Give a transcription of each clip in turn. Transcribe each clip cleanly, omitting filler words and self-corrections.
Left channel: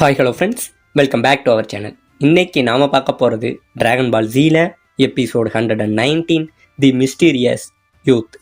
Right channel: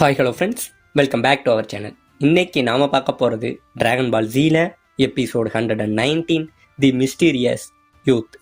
Hi hello friends, welcome back to our channel. இன்னைக்கு நாம் பார்க்க போகிறது டிராகன் பால் ஜீல episode 119 the mysterious youth.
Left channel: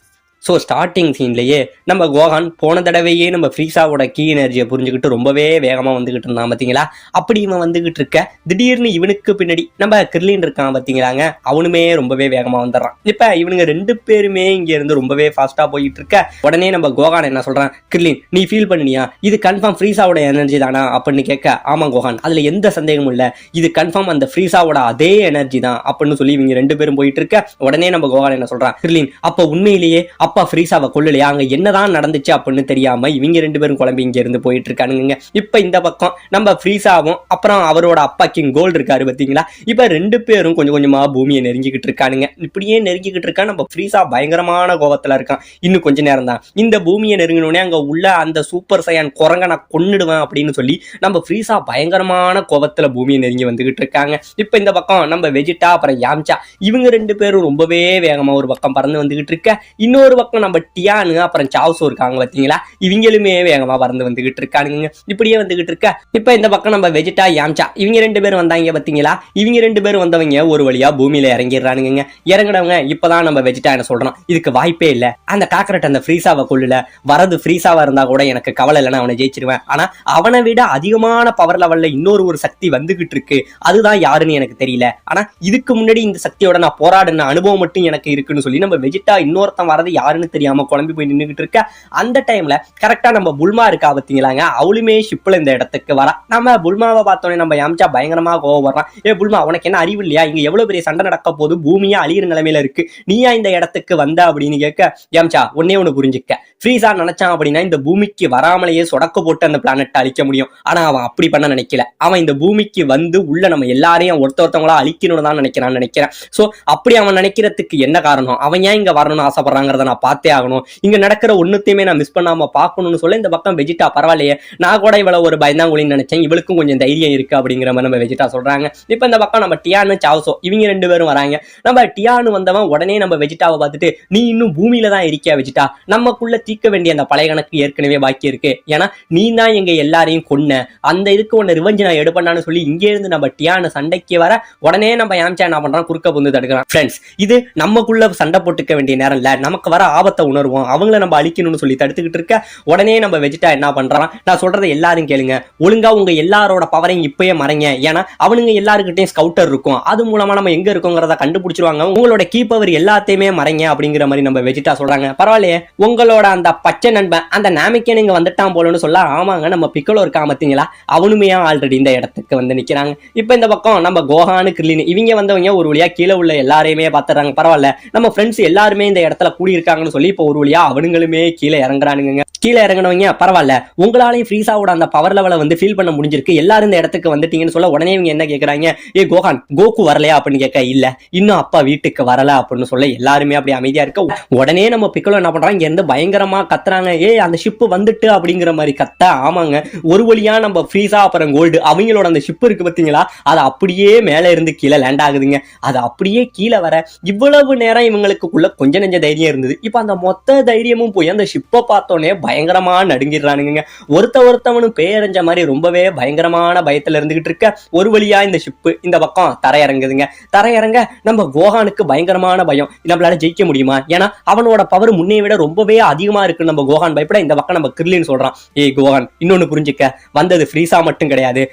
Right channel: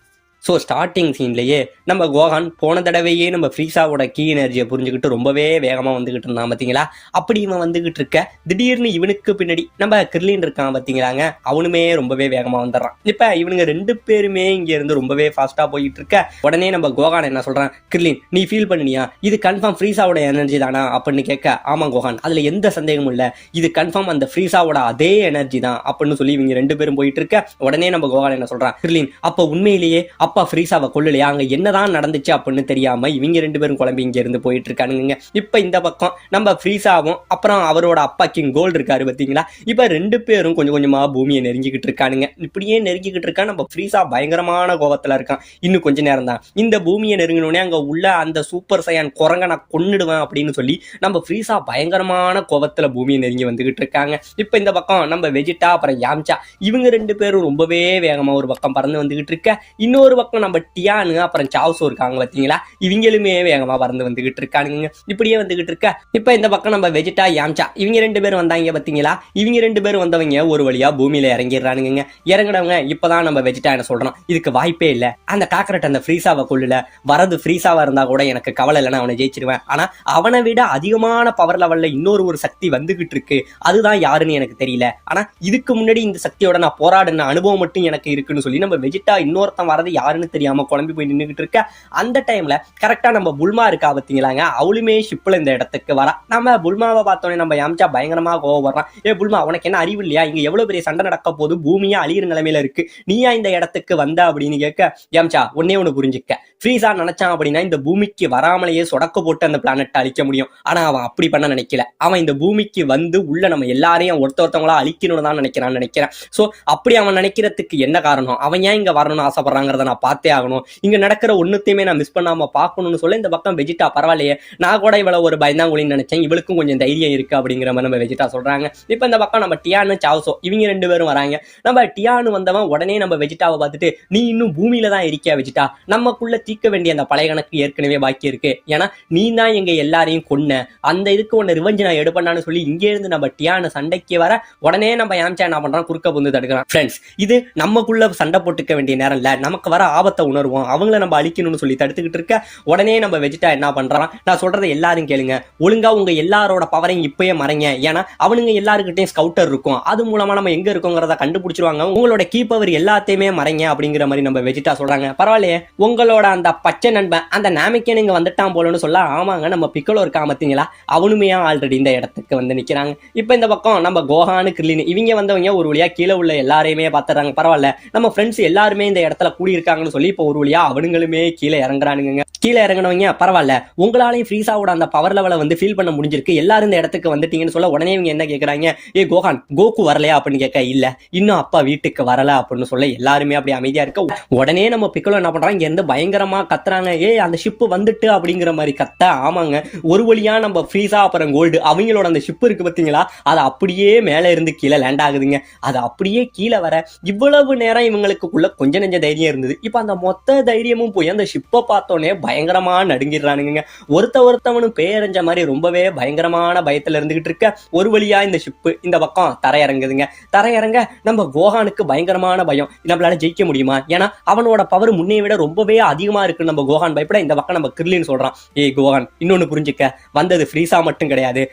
So starting சீன்லேயே நம்ம கோகான் போன தடவையே நம்ம ஃப்ரீஸாவோட கீ எனர்ஜியை புரிஞ்சுக்கிட்டு ரொம்பவே வேகமாக வந்துக்கிட்டு இருந்தான் பார்த்தீங்களா. அப்படி இவன் வந்துக்கிட்டு இருக்க திடீர்னு இவனுக்கு பின்னாடி நம்ம கிர்லின் இருக்கான் பார்த்தீங்களாங்க, அவனுமே ரொம்பவே வேகமாக வந்துடுறான். இப்போ இவனுங்க ரெண்டு பேருமே இங்கேருந்து ரொம்பவே ஃபாஸ்ட்டாக போயிட்டு இருக்க உடனே நம்ம கோகான் என்ன சொல்கிறான், கிர்லின் நீ ஃபீல் பண்ணியா, இது கன்ஃபார்ம் ஃப்ரீஸாவோட எனர்ஜி தானா அப்படின்னு கேட்க, ஆமாம் கோகான் அதில் எந்த சந்தேகமும் இல்லை, இது கன்ஃபார்ம் அந்த ஃப்ரீஸாவோட அதே எனர்ஜி தான் அப்படின்னு சொல்லி இவங்க ரெண்டு பேரும் போயிட்டு இருக்க உடனே நம்ம கோகான் என்ன சொல்கிறான், கிர்லின் அப்போ உண்மையிலேயே அப்பா ஃப்ரீஸாவை கொள்ளலையா, அங்க என்னதான் நடந்துச்சு அப்படின்னு தெரியாம இவங்க ரெண்டு பேரும் குழம்பு இங்க இருந்து போயிட்டு இருக்கானுங்க. இப்ப இந்த பக்கம் நம்ம ஃப்ரீஸாவும் அப்புறம் அவரோட அப்பா கிங் கோல்டு இருக்காரு பாத்தீங்களா. இப்ப ரெண்டு பேரும் கொஞ்சம் கொஞ்சமா பூமியை நெருங்கிக்கிட்டு இருக்கானுங்க. இப்படியே நெருங்கிக்கிட்டு இருக்கா நம்ம ஃப்ரீஸா பயங்கரமான கோபத்துல இருக்கான். இன்னும் கொஞ்ச நேரம் தான் இந்த பூமியை நெருங்கினோடனே அங்க உள்ள அந்த சூப்பர் சையான் குரங்க நான் கொன்னுடுவேன் அப்படின்னு சொல்லி நம்ம ஃப்ரீஸா பயங்கரமான கோபத்துல பூமியை நெருங்கி வந்துகிட்டு இருக்காங்க. இப்ப இந்த பக்கம் நம்ம வெஜிட்டா அப்புறம் யாம்சா இவங்க ரெண்டு பேரும் ரொம்பவே வேகமா ஒரு பக்கம் பறந்து வந்துகிட்டு இருக்க, இன்னொரு பக்கம் நம்ம டியானு அப்புறம் சாவ்சோ இருக்காங்க பாத்தீங்களா, இவங்களுமே வேகமா பறந்து வந்துகிட்டு இருக்கானுங்க. இப்படியே வந்துகிட்டு இருக்க இப்ப இந்த பக்கம் நம்ம வெஜிட்டா யாம்சா இவங்க ரெண்டு பேரும் வந்தாங்க பாத்தீங்களா. இவங்க ரெண்டு பேரும் வந்தவங்க ஒரு வழியா பூமியில இறங்கிடுறானுங்க. இறங்கினவங்க இப்பதான் நம்ம வெஜிட்டா என்ன சொல்றோம், இதுக்கு வாய்ப்பே இல்ல, அந்த காக்கரட் அந்த ஃப்ரீஸாவை கொள்ளல, வரது ஃப்ரீஸாவா இருந்தா கூட எனக்கு கவலை இல்லைன்னா அவனை ஜெயிச்சிருவேன், ஆனா அவனை விட அதிகமான பவர் லெவல்ல இன்னொரு சக்தி வந்துகிட்டு இருக்கு, அதுதான் யாருன்னு எனக்கு தெரியல, ஆனா இதுக்கு முன்னாடி இந்த சக்தியோட நான் போராடின அனுபவம் மட்டும் எனக்கு இருக்குன்னு சொல்லி நம்ம வெஜிட்டா இன்னொருத்தன் வரது யாருன்னு தெரியாம குழம்பி போய் நின்றுகிட்டு இருக்க. அந்த டைம்ல கரெக்டா நம்ம புல்மா இருக்கா பாத்தீங்களாங்க, அவளுமே ஷிப்ல இந்த இடத்துக்கு வரா. நம்ம புல்மாவை பார்த்தோன்னே நம்ம யாம்சா பயங்கரமா கோவப்படுறான், ஏ புல்மா உனக்கு என்ன அறிவு இல்லையா, இங்க எவ்வளவு பெரிய சண்டை நடக்க போது, பூமியா அழியிற நிலைமையில இருக்கு, நீயா இந்த இடத்துக்கு வந்த அப்படின்னு கேட்க, யாம்சா ஒன்னே ஒண்ணு புரிஞ்சுக்க, ஃப்ரீஸா நினைச்சான் அப்படின்னா இந்த பூமிக்கு வராமலேயே சொடக்க போட்டு அந்த பிளானட்டை அழிக்க முடியும், ஆனா அவன் அப்படி பண்ண நினைக்கல, அவன் இந்த பூமிக்கு வந்து உள்ள நம்ம எல்லாரையும் ஒருத்தவங்களா அழிக்கணும்னு தான் நினைக்கிறேன். சோ அப்படி அவன் நினைக்கிறதுக்கு என்ன காரணம், அவன் ஏன் இங்க வரணும்னு ஆசைப்படுறாங்கிறத நான் பார்த்தே ஆகணும், இங்க நடக்கிற ஒண்ணுத்தையுமே நான் மிஸ் பண்ணாம பாக்கணும்னு சொல்ல இந்த பக்கம் வெஜிட்டா பரவாயில்லையே, நான் கூட இவ்வளவு ஒரு பயந்தாங்குழின்னு நினைச்சேன், இவளுக்கும் கொஞ்சம் தைரியம் இருக்கு அப்படிங்கிற மாதிரி நம்ம வெஜிட்டா சொல்றாங்க. இப்ப இந்த பக்கம் நம்ம டியானு சாவ்சோ இவங்க ரெண்டு பேரும் வராங்க. நம்ம டியானு வந்தவன் உடனே நம்ம வெஜிட்டாவை பார்த்துட்டு, நீ இன்னும் பூமியில தான் இருக்கியா வெஜிட்டா, நமக்குள்ள தீர்க்க வேண்டிய அந்த பழைய கணக்கு ஏற்கனவே பாக்கி இருக்கு, ஏன்னா நீ தான் எங்க எல்லாரையும் கொன்ன, அந்த இதுக்கு ஒன்னு ரிவெஞ்ச் நான் எடுப்பேன்னு சொல்லி இங்கே இருந்து நம்ம டியானு சண்டைக்கு வர உடனே நம்ம யாம்சா என்ன பண்றான், குறுக்க புந்து தடுக்கிறான். ஃப்ரெண்ட்ஸ் இது நமக்குள்ள சண்டை போட்டுக்க வேண்டிய நேரம் இல்ல, நமக்கு வர ஆபத்தை உணர்வோம், அவங்கள நம்ம அழிக்கணும்னு சொல்லி தடுத்துக்கிட்டு இருக்க உடனே நம்ம வெஜிட்டா என்ன பண்றான், நான் சொல்றதை எல்லாரும் கேளுங்க, ஒழுங்கா உங்க எல்லாரோட பவரையும் இப்பயே மறைங்க, ஏன்னா அவனுங்க எல்லாருக்கிட்டையும் ஸ்கவுட்டர் இருக்கும், அது மூலமா நம்ம எங்க இருக்கோங்கிறத கண்டுபிடிச்சிருவாங்க, உங்களோட கீ பவர் எல்லாத்தையுமே மறைங்க அப்படிங்கிற மாதிரி நம்ம வெஜிட்டா சொல்றாங்க. பரவாயில்லையே உங்களோட அந்த பச்சை நண்பன் அந்த நாமிக்கன் இங்க வந்துட்டான் போலன்னு சொல்ல, ஆமாங்க நம்ம பிக்கலோ இருக்கா பாத்தீங்களா, அவனுமே ஆல்ரெடி இந்த இடத்துக்கு வந்து நிக்கிறாங்க. இப்ப இந்த பக்கம் நம்ம கோஹானு கிர்லின் இவங்க வந்தவங்க ஒரு வழியா கீழே உள்ள எல்லாரையுமே பாத்துறாங்க. பரவாயில்ல நம்ம ஃப்ரெண்ட்ஸ் எல்லாருமே இந்த இடத்துல கூடி இருக்காங்கன்னு சொல்லி இப்ப ஒரு வழியா அவனுங்களுமே கீழே இறங்குறானுங்க. கீழே இறங்கினவங்க பரவாயில்ல உங்களாலையும் ஃப்ரீஸாவோட அந்த பவர் லெவலை வந்து ஃபீல் பண்ண முடிஞ்சிருக்கு, எல்லாரும் இந்த இடத்துக்கு வந்துட்டீங்கன்னு சொல்ல உடனே இவங்க என்ன கேட்கறாங்க, ஏ கோகான் கோகு வரலையா அப்படின்னு கேட்க, இல்ல இன்னும் அப்பா வீட்டுக்கு வரல அப்படின்னு சொல்ல எல்லாருமே அப்படி அமைதியா இருக்க உடனே நம்ம பிக்கலோ என்ன பண்றாங்க, இங்க இருந்து பயங்கரமா கத்துறாங்க, ஏ அந்த ஷிப் வந்துட்டு அப்படிங்கிற மாதிரி கத்த. ஆமாங்க ஒரு வழியா நம்ம ஃப்ரீஸா அப்புறம் கோல்டு அவங்களோட அந்த ஷிப் இருக்கு பாத்தீங்களா, அது அப்படியே மேல இருந்து கீழே லேண்ட் ஆகுதுங்க. அது அப்படியே கீழே வர இவ்வளவு நேரம் இவங்களுக்குள்ள கொஞ்சம் நெஞ்ச தைரியம் இருந்தது, இப்ப அந்த மொத்த தைரியமும் போய் அந்த ஷிப்பை பார்த்தோன்னே பயங்கரமா நடுங்கிடுறானுங்க. ஒருத்தவனும் பேரஞ்ச மாதிரி ரொம்பவே பயங்கரமான பயத்துல இருந்துகிட்டு இருக்க ஒரு வழியா இந்த ஷிப்பு இந்த பக்கம் தரையிறங்குதுங்க. தரையிறங்க நம்ம கோஹானுக்கு பயங்கரமான பயம், நம்மளால ஜெயிக்க முடியுமா, ஏன்னா அவனோட பவர் முன்னே விட ரொம்பவே அதிகமா இருக்கு. நம்ம கோஹான் பயப்பட இந்த பக்கம் நம்ம கிர்லின் சொல்றான், ஏய் கோஹான் இன்னொன்னு புரிஞ்சுக்க, வந்தது ஃப்ரீஸா மட்டும் கிடையாது,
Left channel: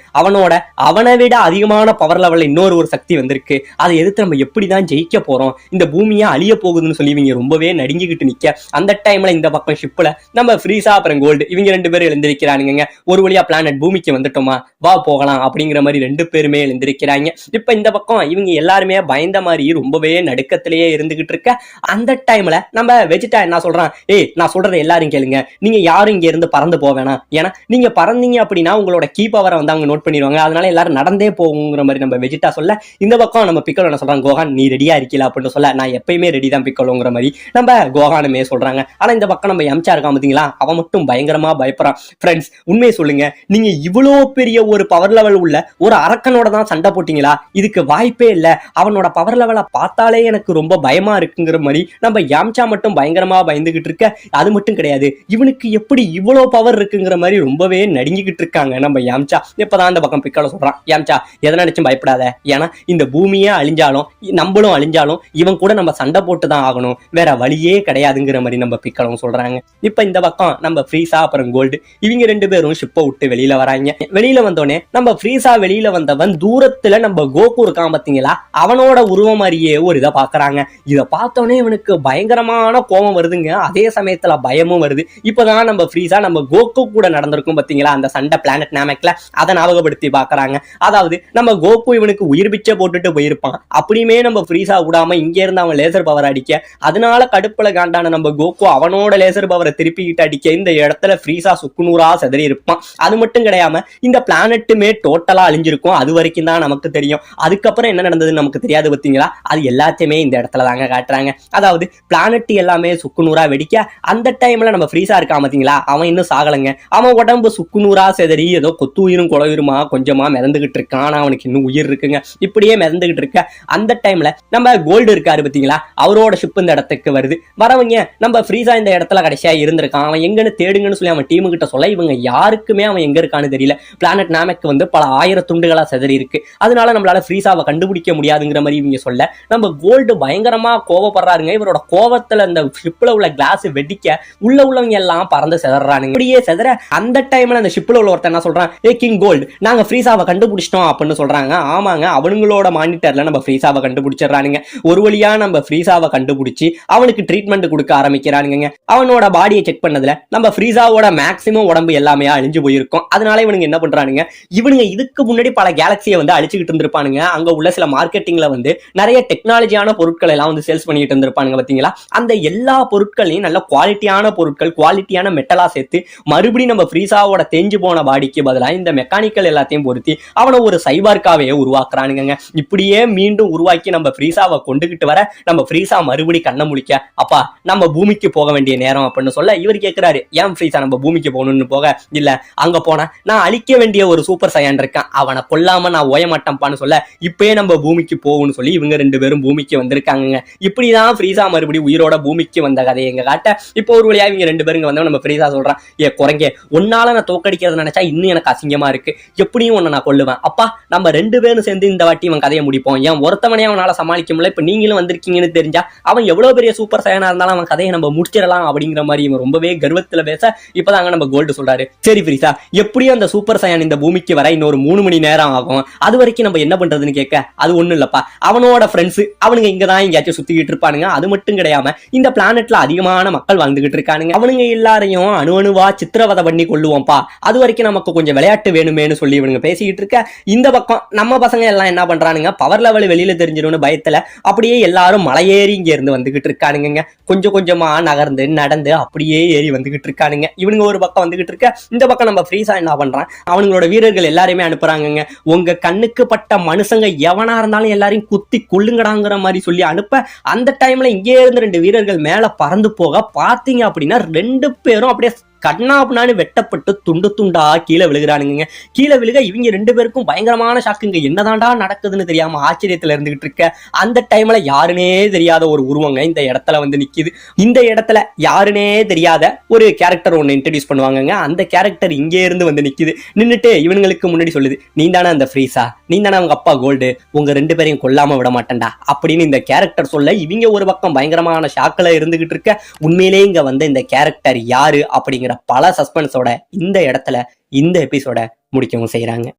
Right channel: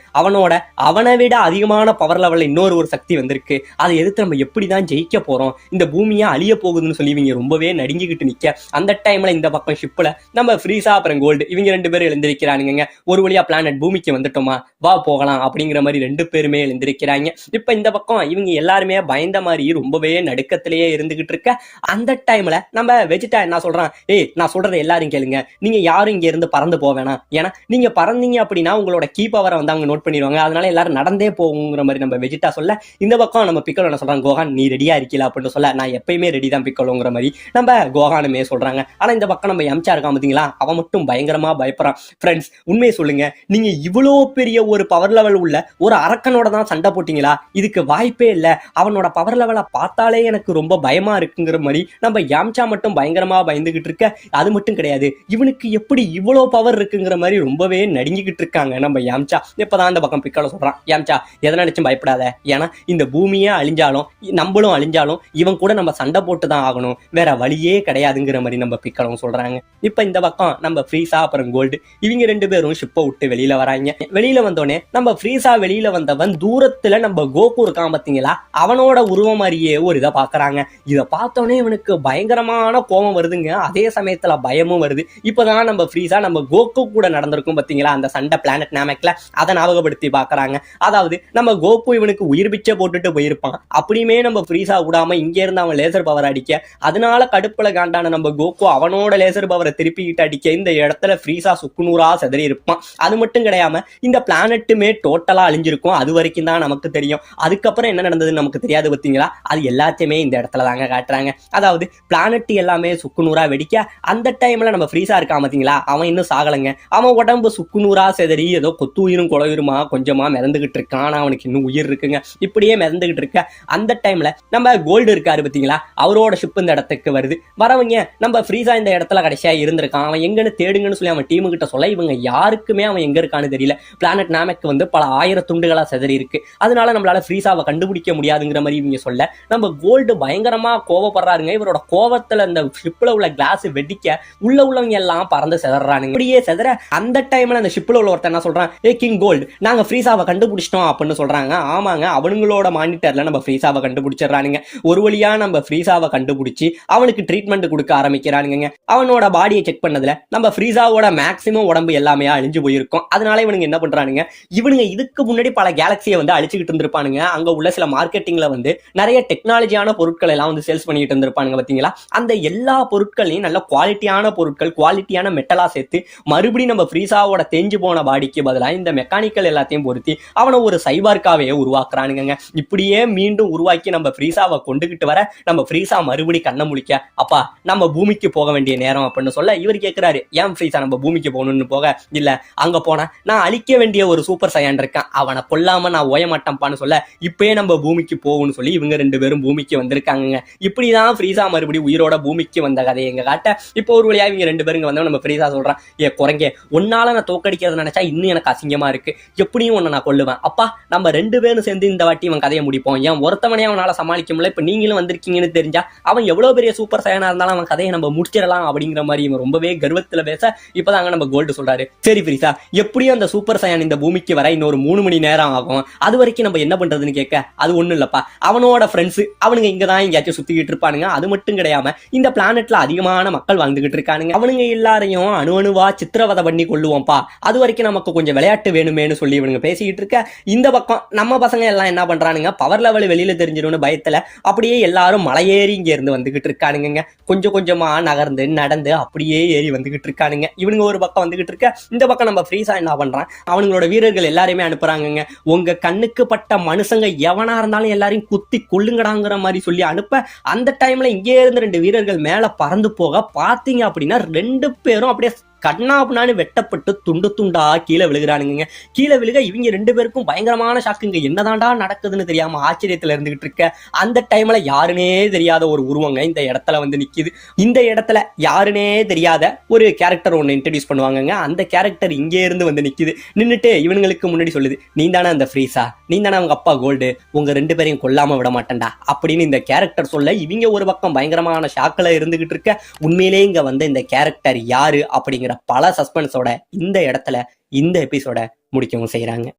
அவனை விட அதிகமான பவர் லெவல்ல இன்னொரு சக்தி வந்திருக்கு, அதை எதிர்த்து நம்ம எப்படிதான் ஜெயிக்க போறோம், இந்த பூமியா அழிய போகுதுன்னு சொல்லி இவங்க ரொம்பவே நடுங்கிக்கிட்டு நிக்க. அந்த டைம்ல இந்த பக்கம் ஷிப்ல நம்ம ஃப்ரீஸா அப்புறம் கோல்டு இவங்க ரெண்டு பேரும் எழுந்திருக்கிறானுங்க. ஒரு வழியா பிளானட் பூமிக்கு வந்துட்டோமா வா போகலாம் அப்படிங்கிற மாதிரி ரெண்டு பேருமே எழுந்திருக்கிறாங்க. இப்ப இந்த பக்கம் இவங்க எல்லாருமே பயந்த மாதிரி ரொம்பவே நடுக்கத்திலேயே இருந்துகிட்டு இருக்க. அந்த டைம்ல நம்ம வெஜிட்டா என்ன சொல்றான், ஏய் நான் சொல்றதை எல்லாரும் கேளுங்க, நீங்க யாரும் இங்க இருந்து பறந்து போவேனா, ஏன்னா நீங்க பறந்தீங்க அப்படின்னா உங்களோட கீ பவரை வந்து அவங்க நோட் பண்ணிடுவாங்க, அதனால எல்லாரும் நடந்தே போகுங்கிற மாதிரி நம்ம வெஜிட்டா சொல்ல இந்த பக்கம் நம்ம பிக்கலோ என்ன சொல்றாங்க, கோஹான் நீ ரெடியா இருக்கல அப்படின்னு சொல்ல, நான் எப்பயுமே ரெடி தான் பிக்கலோங்கிற மாதிரி நம்ம கோஹானுமே சொல்றாங்க. ஆனா இந்த பக்கம் நம்ம எம்சா இருக்கான் பாத்தீங்களா, அவன் மட்டும் பயங்கரமா பயப்படுறான். ஃப்ரெண்ட்ஸ், உண்மையை சொல்லுங்க, நீங்க இவ்வளோ பெரிய ஒரு பவர் லெவல் உள்ள ஒரு அரக்கனோட தான் சண்டை போட்டீங்களா? இதுக்கு வாய்ப்பே இல்ல. அவனோட பவர் லெவலை பார்த்தாலே எனக்கு ரொம்ப பயமா இருக்குங்கிற மாதிரி நம்ம யாம்சா மட்டும் பயங்கரமா பயந்துகிட்டு இருக்க. அது மட்டும் கிடையாது, இவனுக்கு எப்படி இவ்வளோ பவர் இருக்குங்கிற மாதிரி ரொம்பவே நடுங்கிக்கிட்டு இருக்காங்க நம்ம யாம்சா. இப்பதான் அந்த பக்கம் பிக்கால சொல்றான், யாம்சா எதை நினைச்சும் பயப்படாத, ஏன்னா இந்த பூமியே அழிஞ்சாலும் நம்மளும் அழிஞ்சாலும் இவன் கூட நம்ம சண்டை போட்டு தான் ஆகணும், வேற வழியே கிடையாதுங்கிற மாதிரி நம்ம பிக்காலும் சொல்றாங்க. இப்ப இந்த பக்கம் நம்ம ஃப்ரீசா அப்புறம் கோல்டு இவங்க ரெண்டு பேரும் ஷிப்பை விட்டு வெளியில வராங்க. வெளியில வந்தோடனே நம்ம ஃப்ரீசா வெளியில வந்தவன் தூரத்துல நம்ம கோகு இருக்கான் பாத்தீங்களா, அவனோட உருவம் மாதிரியே ஒரு இதை பாக்குறாங்க. இதை பார்த்தோன்னே இவனுக்கு பயங்கரமான கோபம் வருதுங்க, அதே சமயத்துல பயமும் வருது. இப்பதான் நம்ம ஃப்ரீசா நம்ம கோகு கூட நடந்திருக்கும் பாத்தீங்களா அந்த சண்டை பிளானட் நாமெக்ல, அதை ஞாபகப்படுத்தி பாக்குறாங்க. அதாவது நம்ம கோகு இவனுக்கு உயிர் பிச்சை போட்டுட்டு போயிருப்பான், அப்படியுமே நம்ம ஃப்ரீசா விடாம இங்க இருந்து அவன் லேசர் பவர் அடிக்க, அதனால கடுப்புல காண்டான நம்ம கோகு அவனோட லேசர் பவரை திருப்பிக்கிட்டு அடிக்க இந்த இடத்துல ஃப்ரீசா சுக்குநூறா செதறி இருப்பான். அது மட்டும் கிடையாம இந்த பிளானட்டுமே டோட்டலா அழிஞ்சிருக்கும், அது வரைக்கும் தான் நமக்கு தெரியும். அதுக்கப்புறம் என்ன நடந்ததுன்னு நமக்கு தெரியாது பாத்தீங்களா, அது எல்லாத்தையுமே இந்த இடத்துல தாங்க காட்டுறாங்க. அதாவது பிளானட் எல்லாமே சுக்குநூறா வெடிக்க, அந்த டைம்ல நம்ம ஃப்ரீசா இருக்கான் பாத்தீங்களா, அவன் இன்னும் சாகலங்க. அவன் உடம்பு சுக்குநூறா செதறி ஏதோ கொத்துயிரும் குளயுருமா கொஞ்சமா மிதந்துகிட்டு இருக்கான், அவனுக்கு இன்னும் உயிர் இருக்குங்க. இப்படியே மிதந்துகிட்டு இருக்க அந்த டைம்ல நம்ம கோல்டு இருக்காரு பாத்தீங்களா, அவரோட ஷிப் இந்த இடத்துக்கு வருது. வரவங்க நம்ம ஃப்ரீசா இந்த இடத்துல கடைசியா இருந்திருக்கான், அவன் எங்கன்னு தேடுங்கன்னு சொல்லி அவன் டீமு கிட்ட சொல்ல, இவங்க யாருக்குமே அவன் எங்க இருக்கான்னு தெரியல. பிளானட் நாமெக் வந்து பல 1000 துண்டுகளா செதறி இருக்கு, அதனால நம்மளால ஃப்ரீசாவை கண்டுபிடிக்க முடியாதுங்கிற மாதிரி இவங்க சொல்ல, நம்ம கோல்டு பயங்கரமா கோவப்படுறாருங்க. இவரோட கோவத்துல அந்த ஷிப்ல உள்ள கிளாஸ் வெடிக்க உள்ளவங்க எல்லாம் பறந்து செதறானுங்க. இப்படியே செதற அந்த டைம்ல அந்த ஷிப்ல உள்ள ஒருத்தர் என்ன சொல்றான், ஏ கிங் கோல்டு, நாங்க ஃப்ரீசாவை கண்டுபிடிச்சிட்டோம் அப்படின்னு சொல்றாங்க. ஆமாங்க, அவனுங்களோட மானிட்டர்ல நம்ம ஃப்ரீசாவை கண்டுபிடிச்சிடறானுங்க. ஒரு வழியா நம்ம ஃப்ரீசாவை கண்டுபிடிச்சு அவனுக்கு ட்ரீட்மெண்ட் கொடுக்க ஆரம்பிக்கிறானுங்க. அவனோட பாடியை செக் பண்ணதுல நம்ம ஃப்ரீசாவோட மேக்ஸிமம் உடம்பு எல்லாமே அழிஞ்சு போயிருக்கும். அதனால இவனுங்க என்ன பண்றானுங்க, இவனுங்க இதுக்கு முன்னாடி பல கேலக்சியை வந்து அழிச்சுக்கிட்டு இருந்திருப்பானுங்க. அங்க உள்ள சில மார்க்கெட்டிங்ல வந்து நிறைய டெக்னாலஜியான பொருட்கள் எல்லாம் வந்து சேல்ஸ் பண்ணிட்டு இருந்திருப்பானுங்க பாத்தீங்களா, அந்த எல்லா பொருட்களையும் நல்ல குவாலிட்டியான பொருட்கள், குவாலிட்டியான மெட்டலா சேர்த்து மறுபடியும் நம்ம ஃப்ரீசாவோட தேஞ்சு போன பாடிக்கு பதிலாக இந்த மெக்கானிக்கல் எல்லாத்தையும் பொருத்தி அவனை ஒரு சைபார்க்காவே உருவாக்குறானுங்க. இப்படியே மீண்டும் உருவாக்கி நம்ம ஃப்ரீசாவை கொண்டுகிட்டு வர நம்ம ஃப்ரீசா மறுபடி கண்ணை முழிக்க, அப்பா நம்ம பூமிக்கு போக வேண்டிய நேரம் அப்படின்னு சொல்ல, இவர் கேட்கிறாரு, ஏன் ஃப்ரீசா நம்ம பூமிக்கு போகணும்னு போக, இல்ல அங்க போனா நான் அழிக்க வேண்டிய ஒரு சூப்பர் சையான் இருக்கான், அவனை கொல்லாம நான் ஓய மாட்டேன்ப்பான்னு சொல்ல, இப்பயே நம்ம பூமிக்கு போகும்னு சொல்லி இவங்க ரெண்டு பேரும் பூமிக்கு வந்திருக்காங்க. இப்படிதான் ஃப்ரீசா மறுபடியும் உயிரோட பூமிக்கு வந்த கதையை எங்க காட்ட. இப்போ ஒரு வழியா இவங்க ரெண்டு பேரும் வந்தோம். நம்ம ஃப்ரீசா சொல்றான், ஏ குறைங்க, உன்னால நான் தோக்கடிக்கிறது நினைச்சா இன்னும் எனக்கு அசிங்கமா இருக்கு, எப்படியும் உன்னை நான் கொல்லுவேன். அப்பா நம்ம ரெண்டு பேரும் சேர்ந்து இந்த வாட்டி இவன் கதையை முடிப்போம், ஏன் ஒருத்தவனே அவனால சமாளிக்க முடியல, இப்ப நீங்களும் வந்திருக்கீங்கன்னு தெரிஞ்சா அவன் எவ்வளவு பெரிய சூப்பர் சையனா இருந்தாலும் அவன் கதையை நம்ம முடிச்சிடலாம் அப்படிங்கிற மாதிரி இவன் ரொம்பவே கர்வத்துல பேச, இப்பதாங்க நம்ம கோல்டு சொல்றாரு, சரி ஃப்ரீசா, எப்படியும் அந்த சூப்பர் சையான் இந்த பூமிக்கு வர இன்னொரு 3 மணி நேரம் ஆகும், அது வரைக்கும் நம்ம என்ன பண்றதுன்னு கேட்க, அது ஒண்ணும் இல்லப்பா, அவனோட ஃப்ரெண்ட்ஸ் அவனுங்க இங்கதான் எங்கேயாச்சும் சுத்திக்கிட்டு இருப்பானுங்க, அது மட்டும் கிடையாம இந்த பிளானட்ல அதிகமான மக்கள் வாழ்ந்துகிட்டு இருக்கானுங்க, அவனுங்க எல்லாரையும் அணுவா சித்திரவதை பண்ணி கொள்ளுவோம்ப்பா, அது வரைக்கும் நமக்கு கொஞ்சம் விளையாட்டு வேணுமேனு சொல்லி இவனுங்க பேசிக்கிட்டு இருக்க. இந்த பக்கம் நம்ம பசங்க எல்லாம் என்ன பண்றானுங்க, பவர் லெவல் வெளியில தெரிஞ்சிடும்னு பயத்துல அப்படியே எல்லாரும் மலையேறி இங்க இருந்து வந்துகிட்டு இருக்கானுங்க. கொஞ்சம் கொஞ்சமா நகர்ந்து நடந்து அப்படியே ஏறி வந்துகிட்டு இருக்கானுங்க. இவனுங்க ஒரு பக்கம் வந்துகிட்டு இருக்க, இந்த பக்கம் நம்ம ஃப்ரீசா என்ன பண்றான், அவங்களோட வீரர்கள் எல்லாருமே அனுப்புறாங்க. உங்க கண்ணுக்கு பட்ட மனுஷங்க எவனா இருந்தாலும் எல்லாரையும் குத்தி கொள்ளுங்கடாங்கிற மாதிரி சொல்லி அனுப்ப, அந்த டைம்ல இங்கே இருந்து 2 வீரர்கள் மேல பறந்து போக பாத்தீங்க அப்படின்னா 2 பேரும் அப்படியே கண்ணாப்புனான்னு வெட்டப்பட்டு துண்டு துண்டா கீழே விழுகிறானுங்க. கீழே விழுக இவங்க 2 பேருக்கும் பயங்கரமான ஷாக்குங்க. என்னதான்டா நடக்குதுன்னு தெரியாம ஆச்சரியத்துல இருந்துகிட்டு இருக்க அந்த டைம்ல யாருனே தெரியாத ஒரு உருவங்க இந்த இடத்துல வந்து நிக்குது. இந்த இடத்துல யாருனே தெரியாத ஒரு கேரக்டர் ஒன்னு இன்ட்ரடியூஸ் பண்ணுவாங்க. அந்த கேரக்டர் இங்கே இருந்து வந்து நிக்குது. நின்னுட்டு இவங்களுக்கு முன்னாடி சொல்லுது, நீ தானே அந்த ஃப்ரீசா, நீ தானே அவங்க அப்பா கோல்டு, உங்க 2 பேரையும் கொல்லாம விட மாட்டேன்டா அப்படின்னு இந்த கேரக்டர் சொல்ல, இவங்க ஒரு பக்கம் பயங்கரமான ஷாக்கில் இருந்துகிட்டு இருக்க. உண்மையிலே இங்க வந்து இந்த கேரக்டர் யாரு அப்படிங்கிற பல சஸ்பென்ஸோட இந்த இடத்துல இந்த எபிசோட முடிக்கவும் செய்யறாங்க.